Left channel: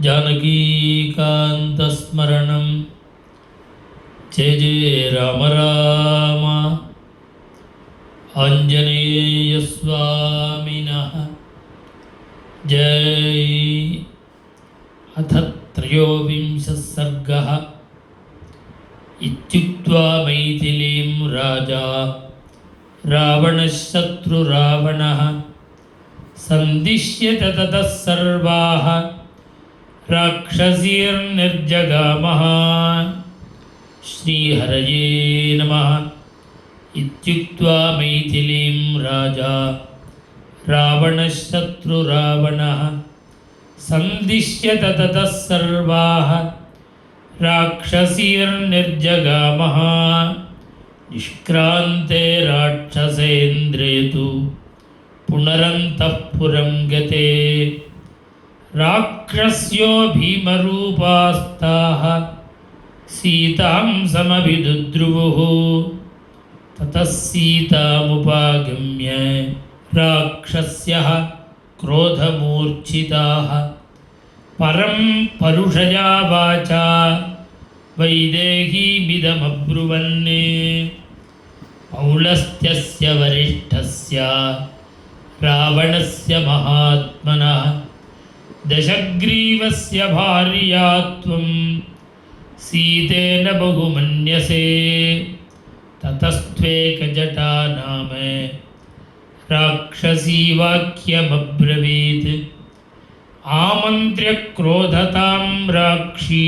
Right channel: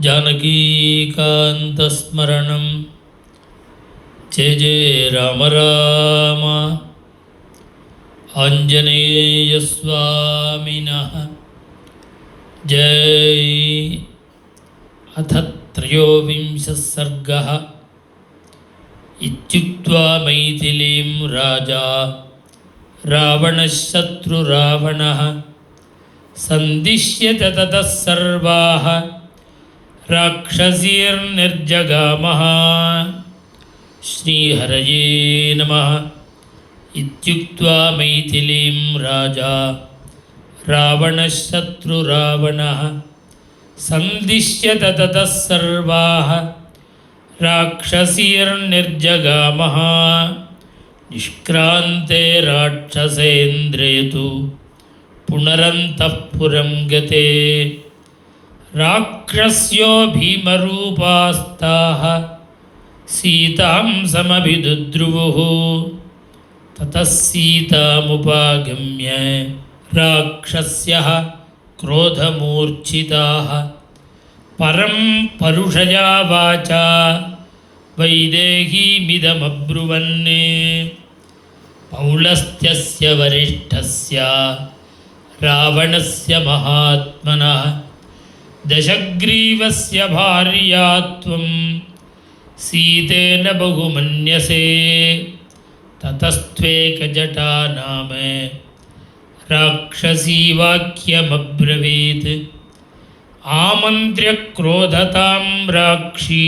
जानकीकान्तस्मरणं जय जय राम राम। आञ्जनेयस्वामिनः जय। अथ त्रयोविंशः सर्गः। इत्युक्त्वा मैथिलीं राजा रावणः शत्रुरावणः सन्दिश्य ततः सर्वाः राक्षसीर्निर्जगामः। श्रीहरये नमः। इत्युक्त्वा मैथिलीं राजा रावणः शत्रुरावणः सन्दिश्य ततः सर्वाः राक्षसीर्निर्जगामः। निष्क्रान्ते राक्षसेन्द्रे तु पुनरन्तः पुरं गते राक्षस्यो भीमरूपास्ताः सीतां समभिदुद्रुवुः। ततः सीतामुपागम्य राक्षस्यः क्रोधमूर्छिताः परं परुषया वाचा वैदेहीमिदमब्रुवन्। पौलस्त्यस्य वरिष्ठस्य रावणस्य महात्मनः दशग्रीवस्य भार्या त्वं सीतेन बहुमन्यसे। ततस्त्वेकजटा नाम राक्षसी वाक्यमब्रवीत्। आमन्त्र्य क्रोधतां राक्षी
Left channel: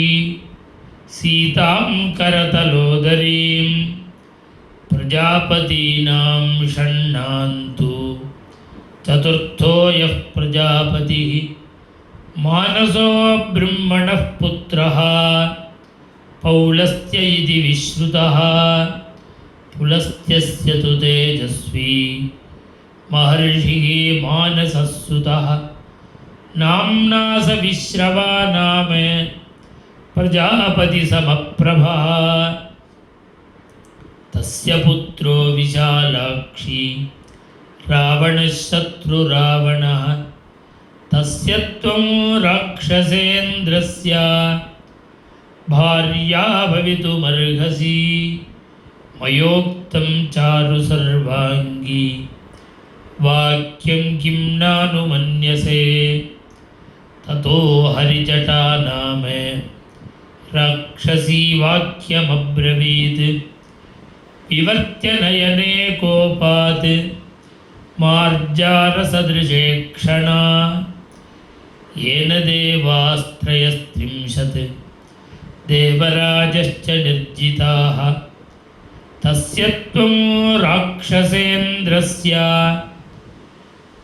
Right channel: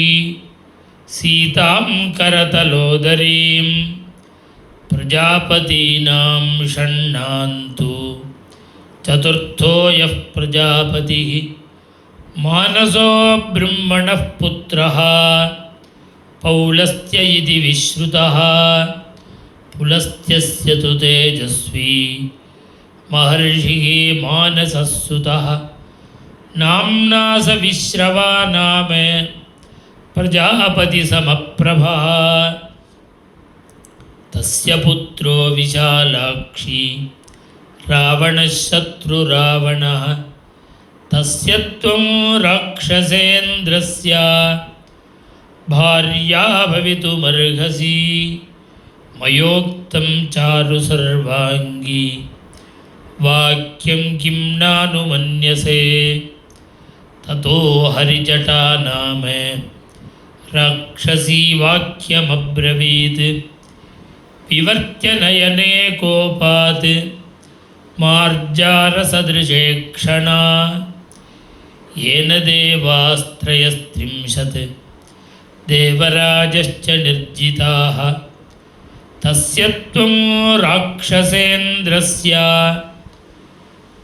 सीतां करतलोदरीं प्रजापतीनां षण्णान्तु चतुर्थो यः प्रजापतिः मानसो ब्रह्मणः पुत्रः पौलस्त्य इति विश्रुतः। पुलस्त्यस्य तु तेजस्वी महर्षिः मानसः सुतः नाम्ना स विश्रवा नाम प्रजापतिसमप्रभः। तस्य पुत्रो विशालाक्षी रावणः शत्रुरावणः तस्य त्वं राक्षसेन्द्रस्य भार्या भवितुमर्हसि। मयोक्तं चारु सर्वाङ्गी वाक्यं किं नानुमन्यसे। ततो हरिजटा नाम राक्षसी वाक्यमब्रवीत्। विवर्त्य नयने कोपात् मार्जारसदृशे क्षणा येन देवास्त्रयस्त्रिंशत् देवराजश्च निर्जिताः। तस्य त्वं राक्षसेन्द्रस्य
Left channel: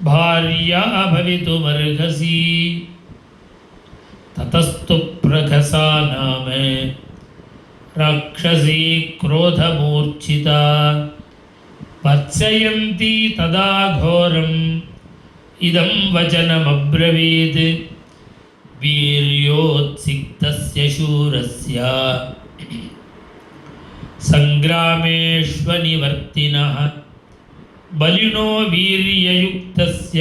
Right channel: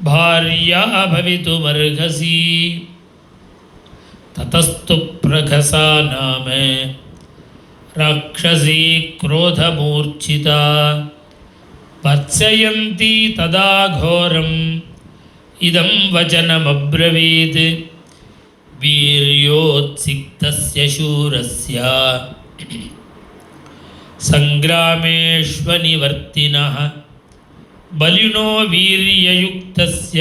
भार्या भवितुमर्हसि। ततस्तु प्रखसा नाम राक्षसी क्रोधमूर्छिता भत्सयन्ती तदा घोरम् इदं वचनमब्रवीत्। वीर्योत्सिक्तस्य शूरस्य सङ्ग्रामेष्वनिवर्तिनः बलिनो वीर्ययुक्तस्य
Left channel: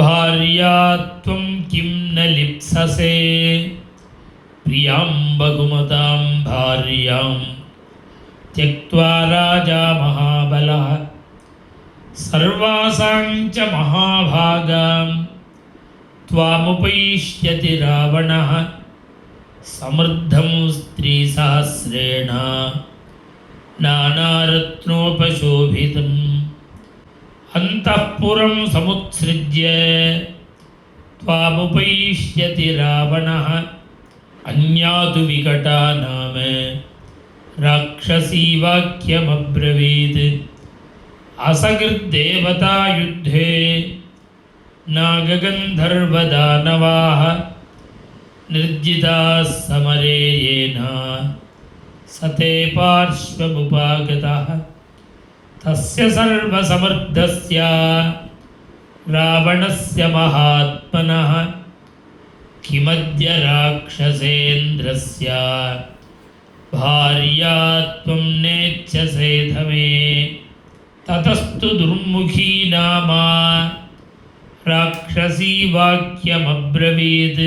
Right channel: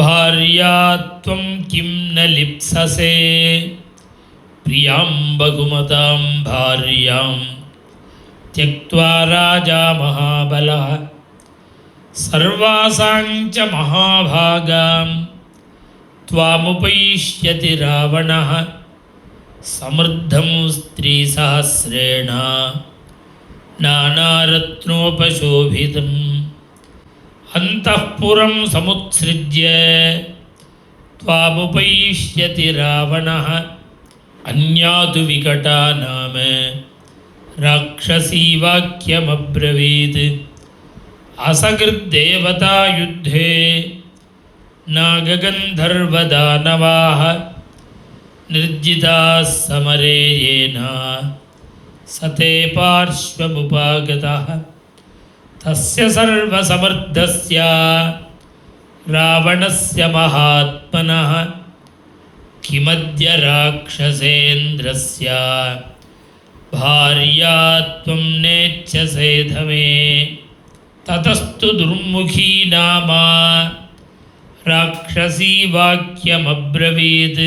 भार्या त्वं किं न लिप्ससे। प्रियां बहुमतां भार्यां त्यक्त्वा राजा महाबलः सर्वासां च महाभागां त्वामुपैष्यति रावणः। समृद्धं स्त्रीसहस्रेण नानारत्नोपशोभितम् अन्तःपुरं समुत्सृज्य त्वामुपैष्यति रावणः। अन्या तु विकटा नाम राक्षसी वाक्यमब्रवीत्। असकृद्देवतायुद्धे नागगन्धर्वदानवाः निर्जिताः समरे येन स ते पार्श्वमुपागतः। तस्य सर्वसमर्थस्य रावणस्य महात्मनः किमद्य राक्षसेन्द्रस्य भार्या त्वं नेच्छसे धमे। ततस्तु दुर्मुखी नाम राक्षसी वाक्यमब्रवीत्।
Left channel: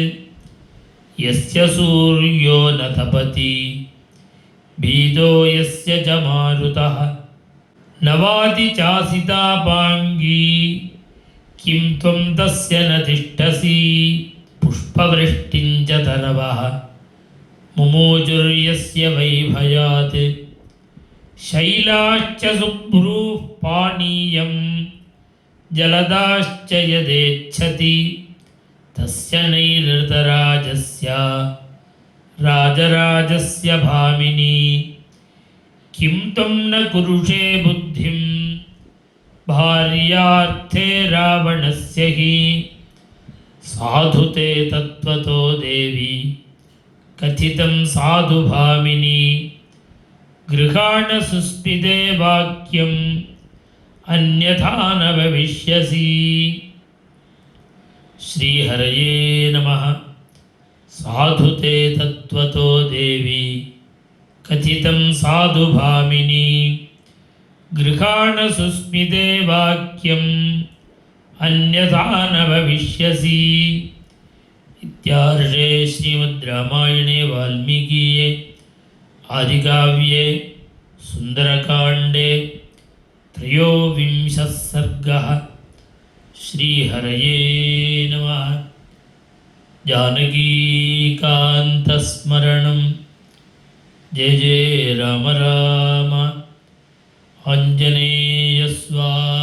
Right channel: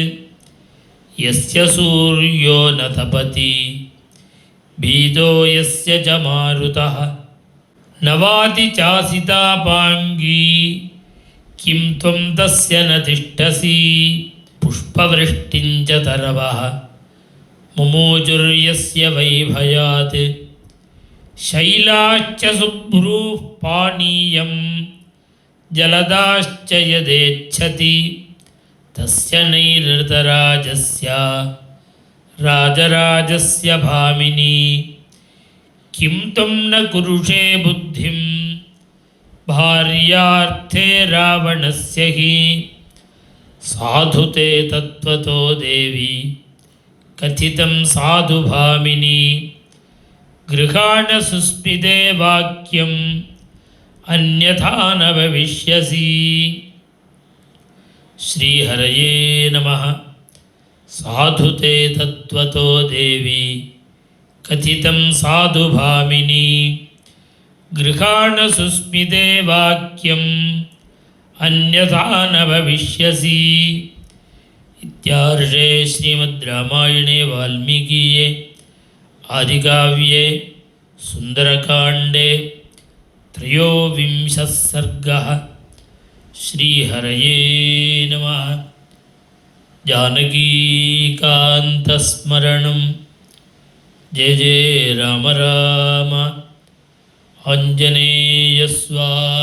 यस्य सूर्यो न तपति भीतो यस्य च मारुतः न वाति चासितापाङ्गी किं त्वं तस्य न तिष्ठसि पुष्पवृष्टिं च तरवः मुमोचुर्यस्य वैभयात् शैलाश्च सुभ्रूः पानीयं जलदाश्च यदेच्छति तस्य नैरृतराजस्य राजराजस्य भामिनी किं त्वं न कुरुषे बुद्धिं भार्यार्थे रावणस्य हि साधु ते तत्त्वतो देवी कथितं साधु भामिनी गृहाण सुस्मिते वाक्यम् अन्यथा न भविष्यसि। श्रीहरये नमः। साधु ते तत्त्वतो देवी कथितं साधु भामिनी गृहाण सुस्मिते वाक्यम् अन्यथा न भविष्यसि। इत्यार्षे श्रीमद् रामायणे वाल्मीकीये आदिकाव्ये सुन्दरकाण्डे 13 सर्गः। श्रीहरये नमः। जानकीकान्तस्मरणं जय जय राम राम। आञ्जनेयस्वामी।